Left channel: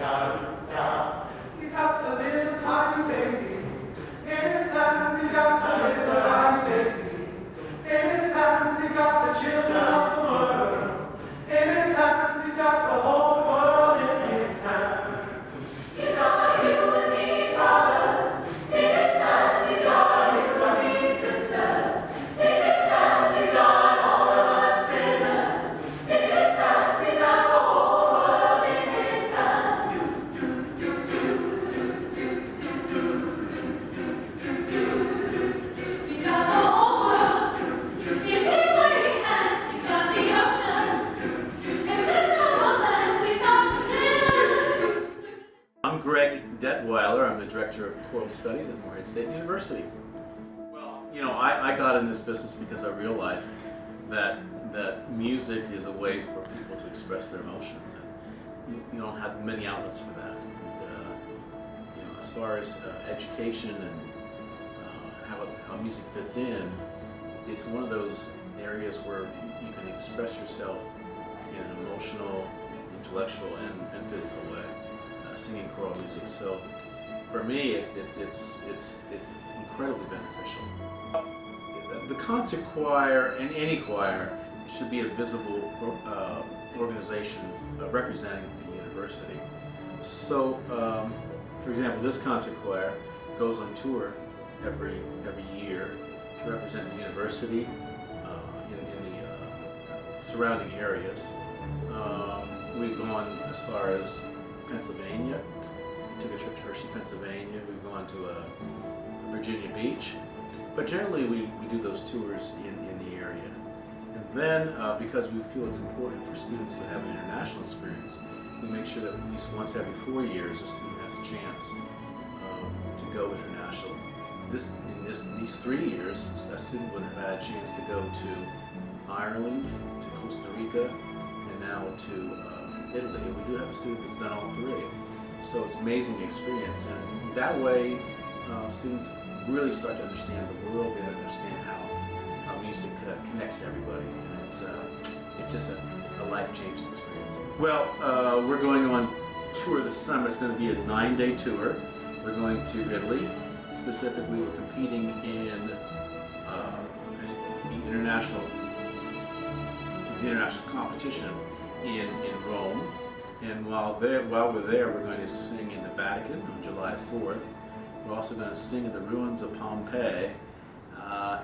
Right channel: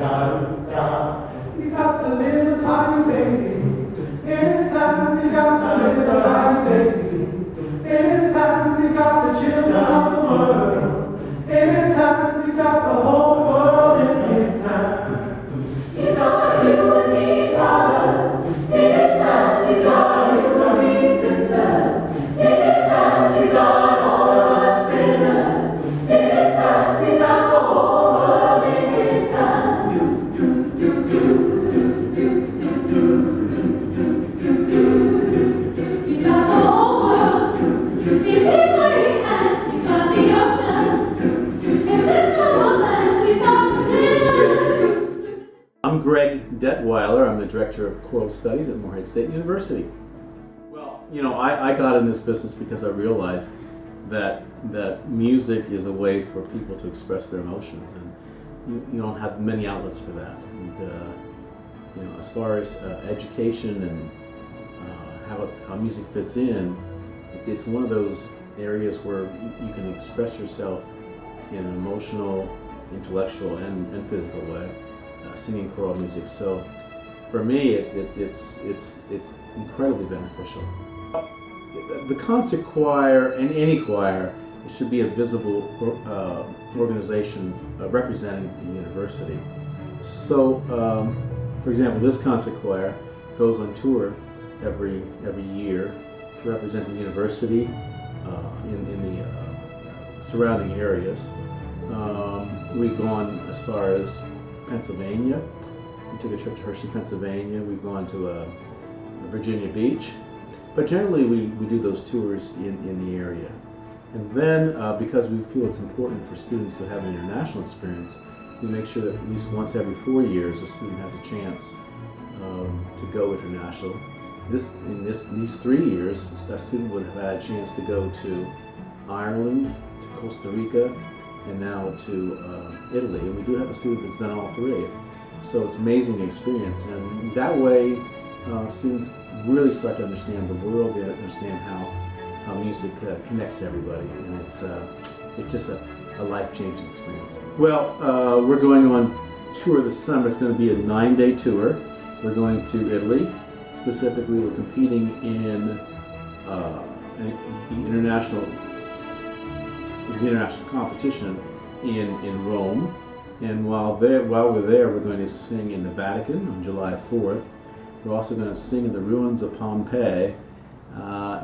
He's got the little tiny baby. In his hands he's got the little tiny baby. In his hands he's got the children of the world. In his hands he's got the whole world in his hands. He's got you and me, brother. In his hands he's got you and me, sister. In his hands he's got all of us sinners. In his hands he's got the whole world in his hands. He's got the whole world in his mighty hand. He's got the ocean in this jungle land. He's got the sinners. I'm Greg Detweiler. I'm the Director of Choral Studies at Morehead State University. Well, you know, I got in this business because I realized that music is a way for people to express their emotions, and you don't have many outlets for that. And you know, as far as education and how music fits in, it's one of those areas where you can express yourself in an emotional, intellectual, and physical way, singing choral music. So for me, it's incredibly beneficial. The concert choir, and any choir, it should be a visible organization representing the university. So, for example, this concert choir goes on tour every year to represent the university in the surrounding areas. We've gone as far as Pennsylvania. We took a trip to Hershey, Pennsylvania. We've gone to Virginia Beach. But generally we do those tours in the area. And then because we feel it's important for students to have an international experience, we make sure that at least once every 4 years a student has a chance to go international. These 3 years, a student would have had a chance to go to Ireland, to Costa Rica, and now to Italy. And we do have a student that's done all three. So it's an amazing experience. And that way, students really start to understand the world. They understand how music connects everybody, and it's just a life-changing experience. Well, we're going on tour this summer. It's going to be a 9-day tour. We're going to Italy. Specifically, we're competing in the international competition in Rome. And while we're there, we're going to sing in the Vatican on July 4th. We're also going to sing in the ruins of Pompeii,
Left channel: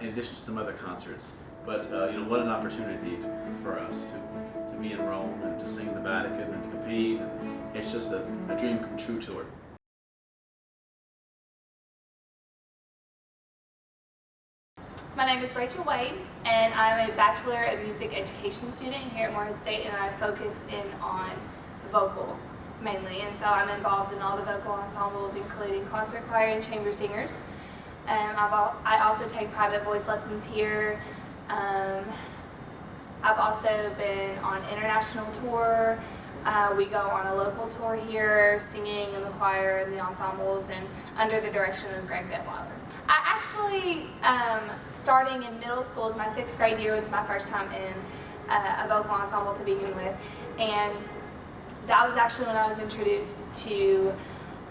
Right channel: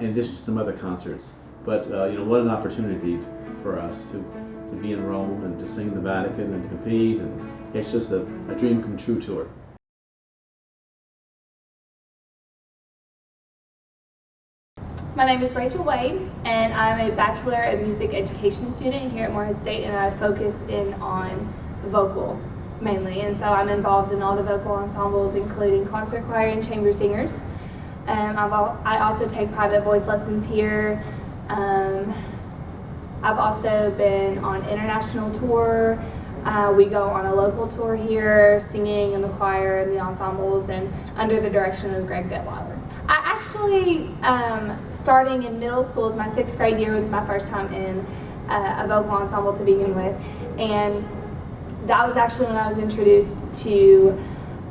in addition to some other concerts. But you know, what an opportunity for us to be in Rome and to sing in the Vatican and to compete, and it's just a dream come true tour. My name is Rachel Wade, and I'm a Bachelor of Music Education student here at Morehead State, and I focus in on vocal mainly. And so I'm involved in all the vocal ensembles, including concert choir and chamber singers. I also take private voice lessons here. I've also been on international tour. We go on a local tour here, singing in the choir and the ensembles, and under the direction of Greg Detweiler. I actually, starting in middle school, my 6th grade year was my first time in a vocal ensemble to begin with, and that was actually when I was introduced to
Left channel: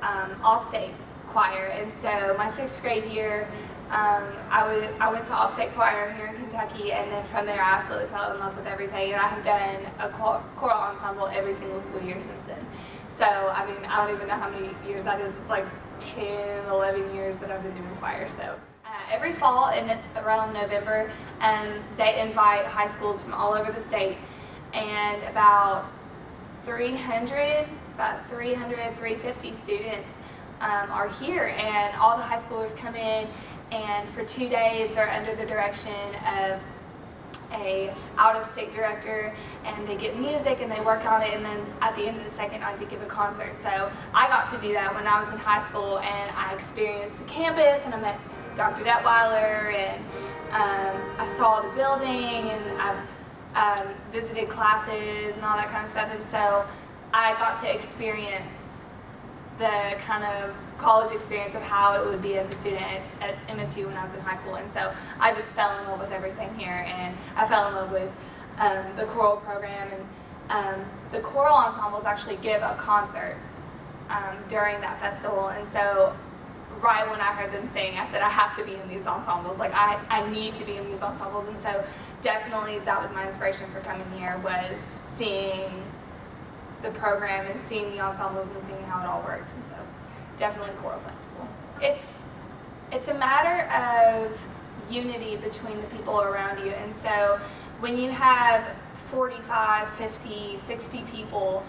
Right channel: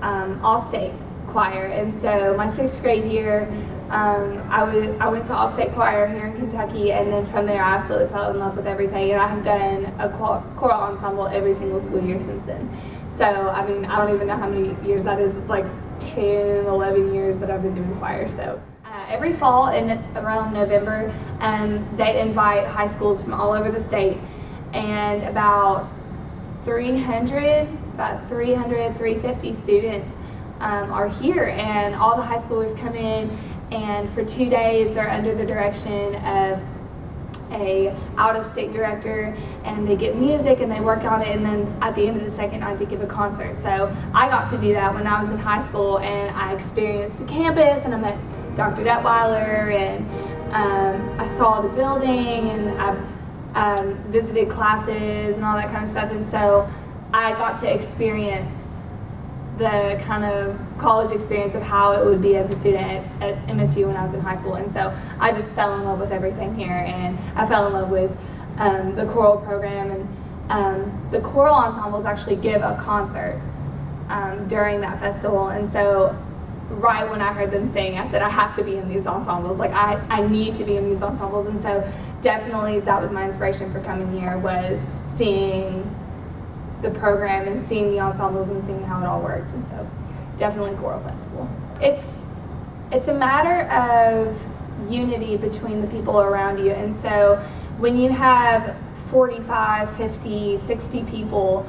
all-state choir. And so my 6th grade year, I went to all-state choir here in Kentucky, and then from there I absolutely fell in love with everything, and I have done a choral ensemble every single school year since then. So, I mean, I don't even know how many years that is. It's like 10, 11 years that I've been doing choir. So every fall in around November, they invite high schools from all over the state, and about 350 students are here, and all the high schoolers come in, and for 2 days they're under the direction of a out-of-state director, and they get music and they work on it, and then at the end of the second night they give a concert. So I got to do that when I was in high school, and I experienced the campus, and I met Dr. Detweiler, and I saw the building, and I visited classes and all that kind of stuff, and so I got to experience the kind of college experience of how it would be as a student at MSU when I was in high school. And so I just fell in love with everything here, and I fell in love with the choral program, and the choral ensembles actually give a concert during that festival. And so right when I heard them sing, I said, I have to be in these ensembles. Like, I need to be in these ensembles. And so definitely that was my inspiration for coming here, was seeing the program and seeing the ensembles and seeing how it all worked. And so definitely choral festival. It's a matter of unity between the people around you. And so when you have 45, 50, 60 people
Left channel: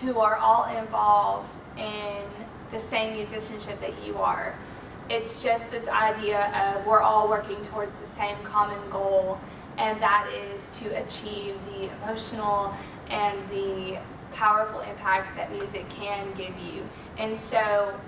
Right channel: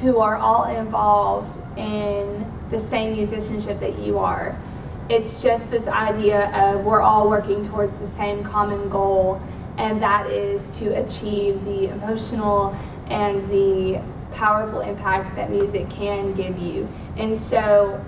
who are all involved in the same musicianship that you are, it's just this idea of we're all working towards the same common goal, and that is to achieve the emotional and the powerful impact that music can give you. And so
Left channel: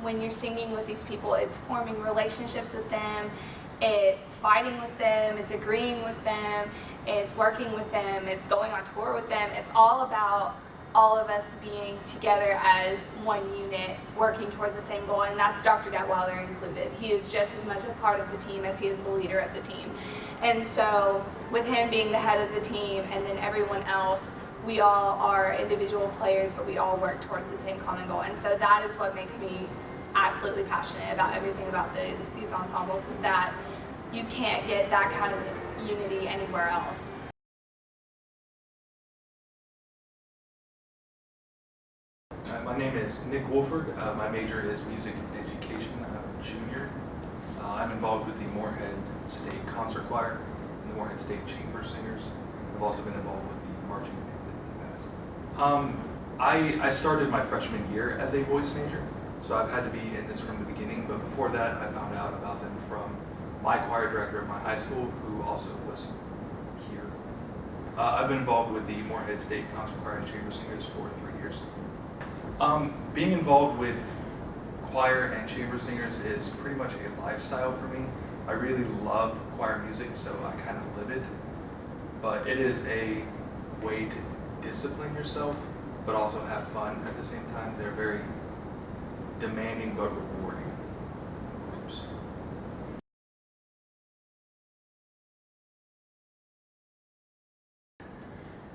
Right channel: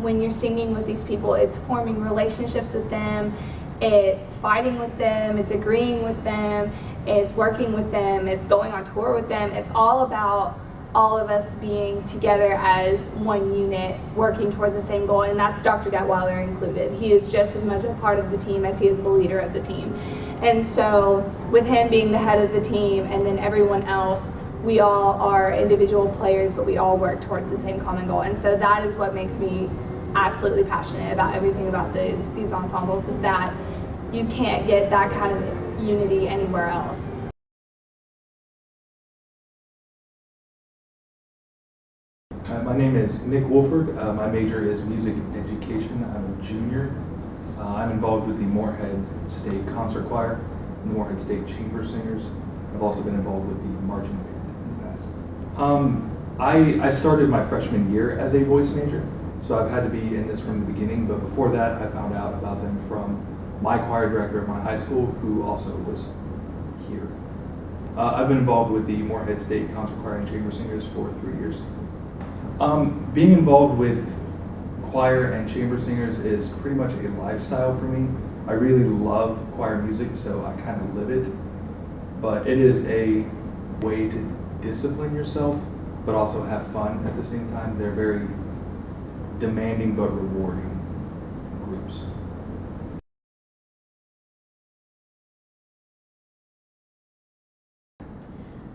when you're singing with these people, it's forming relationships with them, it's fighting with them, it's agreeing with them, it's working with them, it's going on tour with them. It's all about all of us being together as one unit, working towards the same goal, and that's Dr. Detweiler included. He is just as much a part of the team as he is the leader of the team. And so with him being the head of the team and then everyone else, we all are individual players, but we all work towards the same common goal. And so that is what makes me absolutely passionate about everything about these ensembles, is that you can't get that kind of unity anywhere else. My name is Nick Wolford. My major is music education. I'm a junior. I'm involved with the Morehead State Concert Choir and the Morehead State Chamber Singers. I've also been involved with the marching band in the past. I started my freshman year as a voice major, so I've had to be in this from the beginning, but before that I found out about them from my choir director at my high school, who also was here. I've been involved with the Morehead State Concert Choir and Chamber Singers for 3 years. Being involved with choir and chamber singers is pretty much a lifestyle for me. I really love choir music, so I kind of live it. But it is a way to discipline yourself, but also have fun at the same time. They're very demanding but rewarding groups.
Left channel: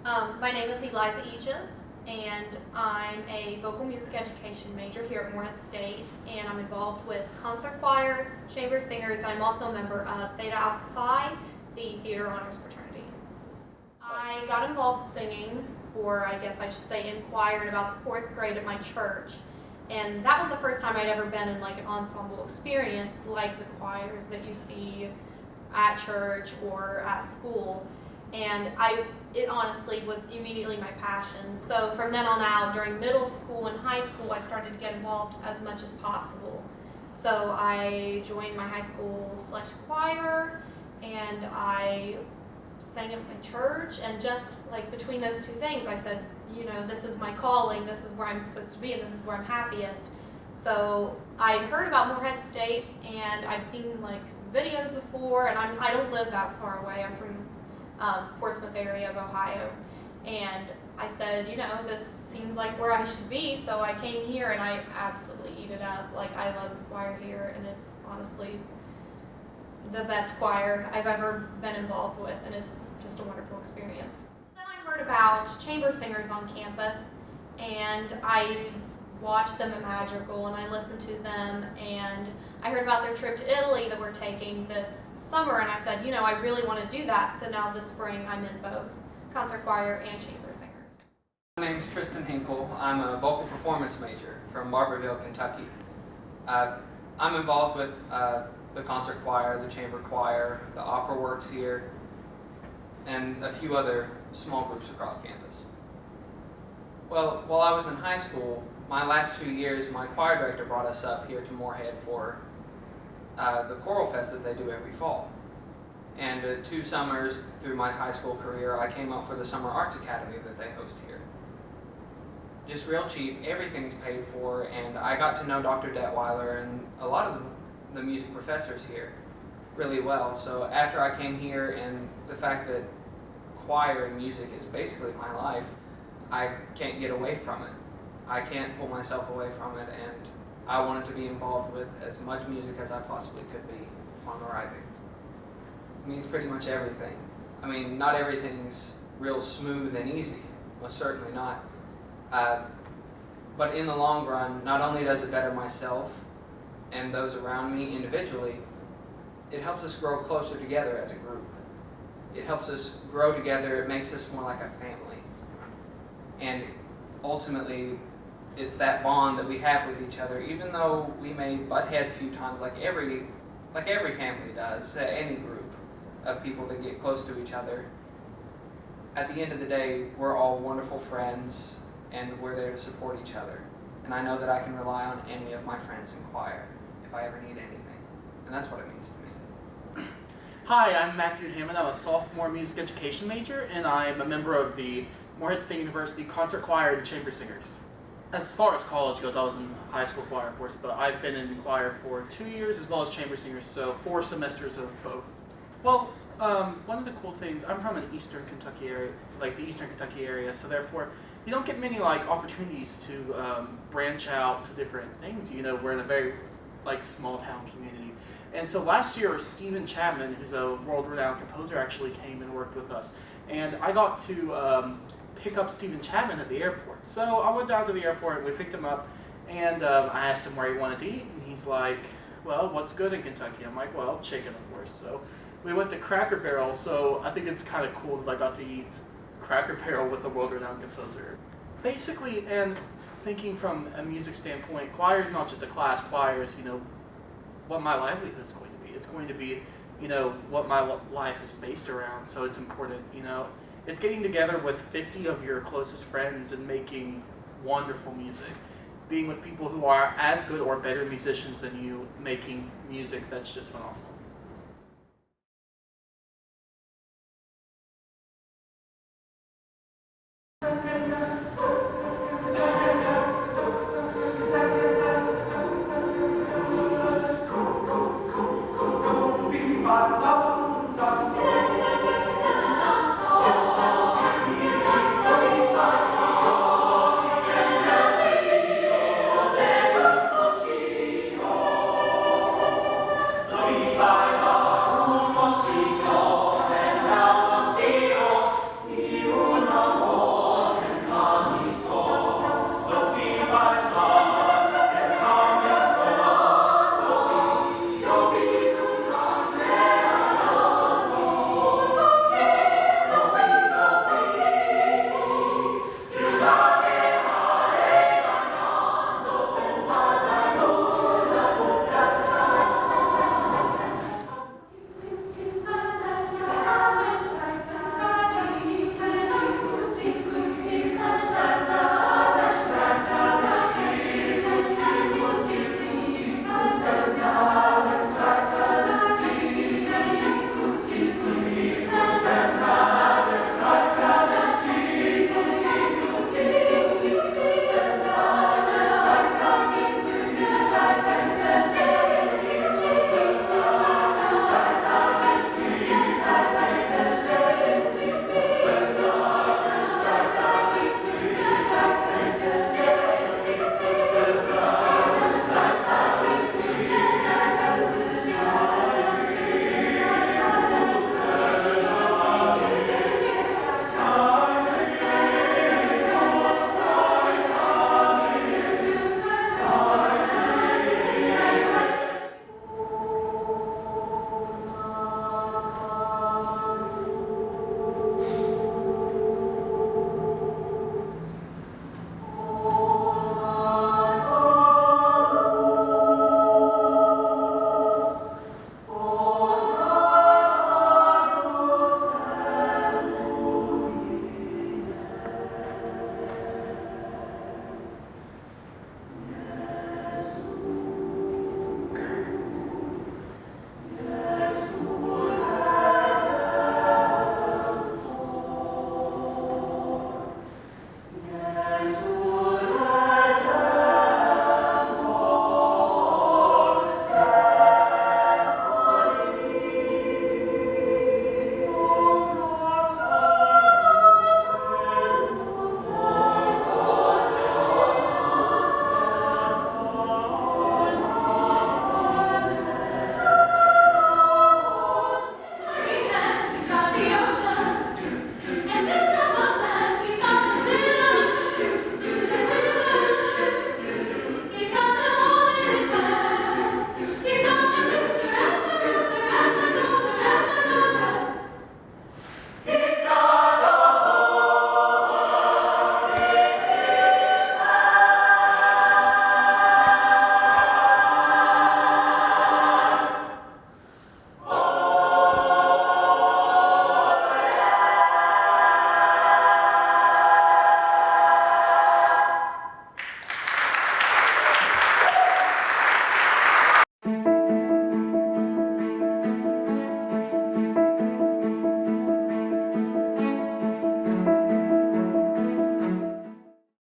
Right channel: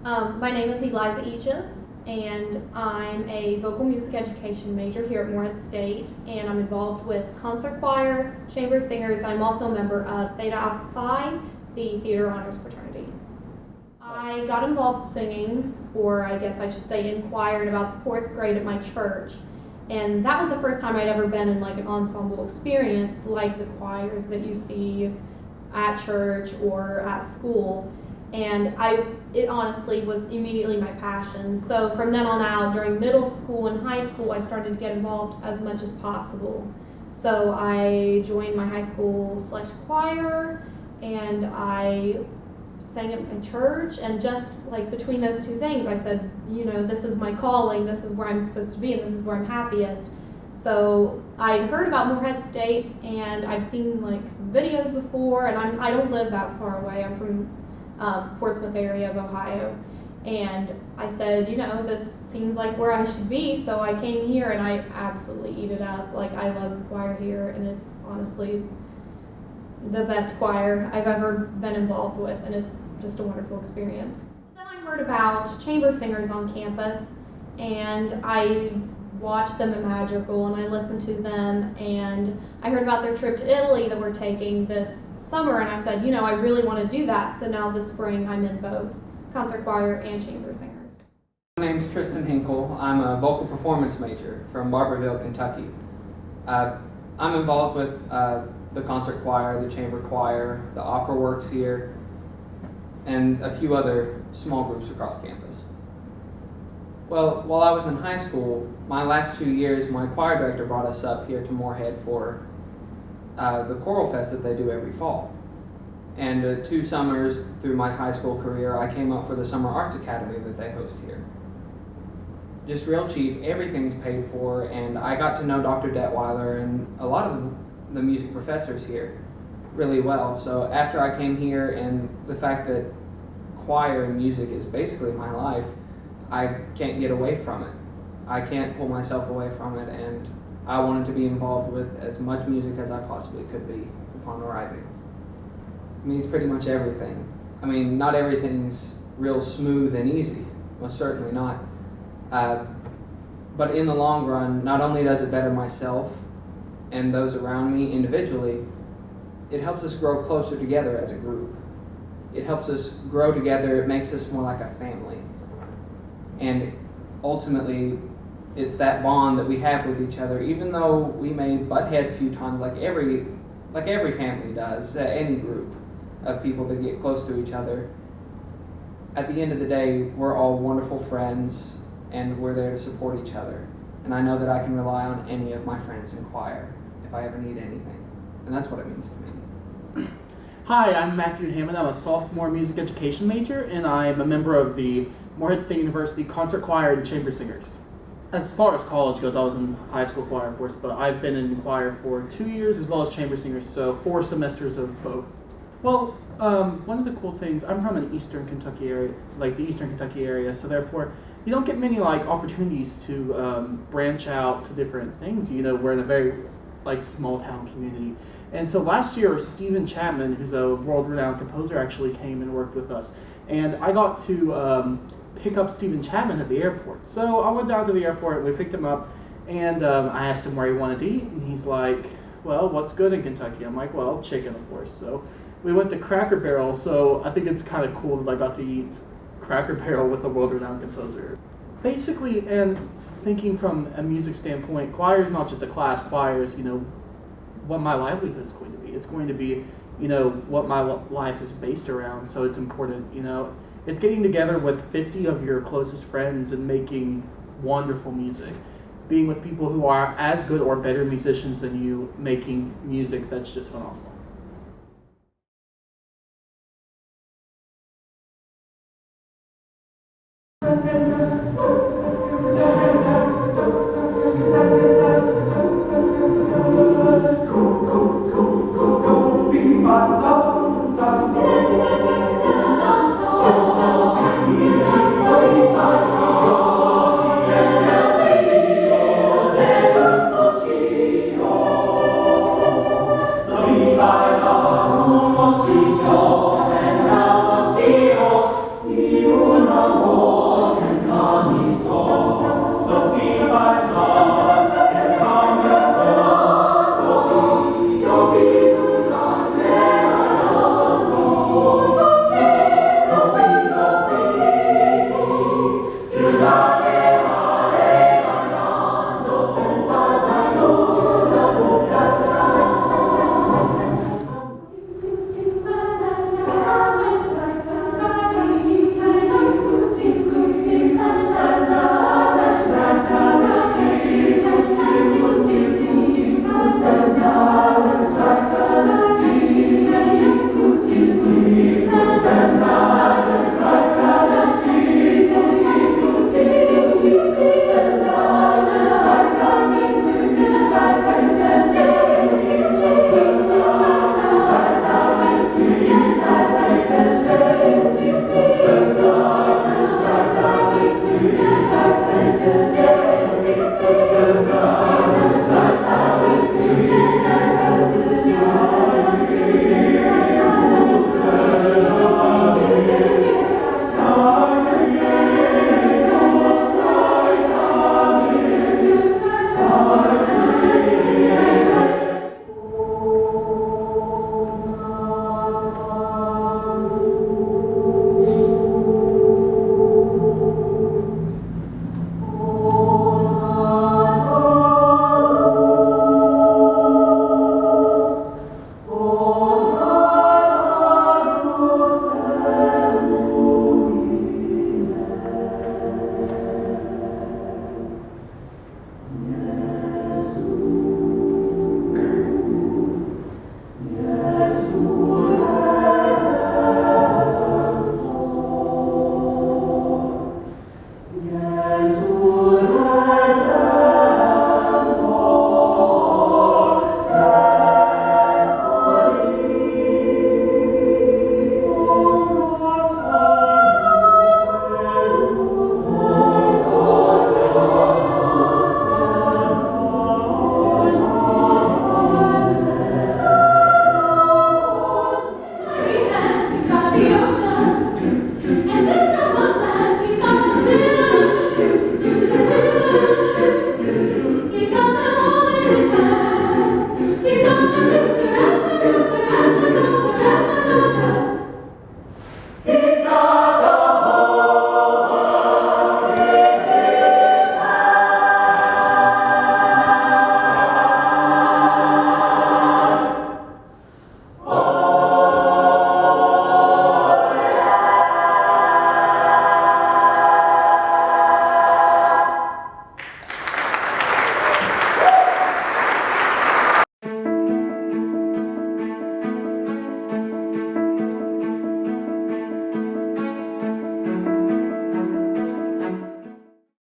My name is Eliza Eaches, and I'm a vocal music education major here at Morehead State, and I'm involved with concert choir, chamber singers, and I'm also a member of Theta Alpha Phi, the Theater Honors Fraternity. I got involved singing, or I guess I should say in choir, in about the 4th grade at my church, and that was the first time I'd ever been in like an ensemble experience like the choirs that you see at church or at school. And it honestly was immediately my passion. So from then on out, during middle school and high school, I started to get involved as much as possible. So I joined my high school select choir, and I sang at my church, and just like between those two things, I said, you know, this is my calling, this is where I'm supposed to be, and this is where I'm happiest. So I'd heard about Morehead State, and I've seen like some videos before, and I don't live that far away. I'm from Portsmouth area of Ohio, and I said, you know, this seems like where I should be, so I came here and I absolutely eat it up. Like, I love the choir here, and it's honestly the best choir I've ever been involved with, and it's just a wonderful experience. Then I heard about chamber singers on campus, and I watched them at Madrigal, and I listened to them, and I heard about their trip to Italy that we're taking this summer, and I said, you know, I really want to do that. So now this spring I'm in both concert choir and chamber singers. My name's Tristan Hinkle. I'm a vocal performance major from Barberville, Kentucky. I'm involved with the concert choir, the chamber choir, the opera works here, and a few other small groups across campus. Well, while I was in high school, my last 2 years, my choir director brought us up here to Morehead for the choral fest that they do every fall. And 2 summers through my high school career, I came up for the Summer Arts Academy that they host here. Just real cheap, everything's paid for, and I got to know Dr. Detweiler and a lot of the music professors here really well. So after I came here, and the fact that choir and music is basically my life, I can't get away from it. I can't pull myself away from it, and I wanted to be involved with as much music as I possibly could be upon arriving. It means pretty much everything. I mean, not everything's real smooth and easy, most certainly not. But in the long run, not only does it better myself and those around me individually, it helps us grow closer together as a group. It helps us grow together, it makes us more like a family. And ultimately, it's that bond that we have with each other, even though we may butt heads a few times like every family does, any group of people that get close to each other. At the end of the day, we're all wonderful friends and we're there to support each other. And I know that I can rely on any of my friends in choir if I ever need anything. And that's what it means to me. Hi, I'm Matthew Hammond. I'm a sophomore music education major, and I'm a member of the Morehead State University Concert Choir and Chamber Singers. As far as college goes, I was in high school choir, of course, but I've been in choir for 2 years as well as chamber singers, so 4 semesters of both. Well, one of the cool things, I'm from an eastern Kentucky area, like the eastern Kentucky area, so therefore you don't get many opportunities to branch out to different things. You know, we're in a very small town community. And so last year, Stephen Chapman, who's a world-renowned composer, actually came and worked with us. And I got to pick up Stephen Chapman at the airport. So I went down to the airport, and we picked him up, and I asked him where he wanted to eat, and he's like, well, what's good in Kentucky? I'm like, well, chicken, of course. So we went to Cracker Barrel, so I think it's kind of cool that I got to eat Cracker Barrel with a world-renowned composer. Basically, and thinking from a music standpoint, choir is not just a class. Choir is, what my livelihood is going to be. It's going to be, what my life is based around. So it's important, It's getting together with 50 of your closest friends and making wonderful music. Being with people who are as good or better musicians than you, making music that's just phenomenal. Hey,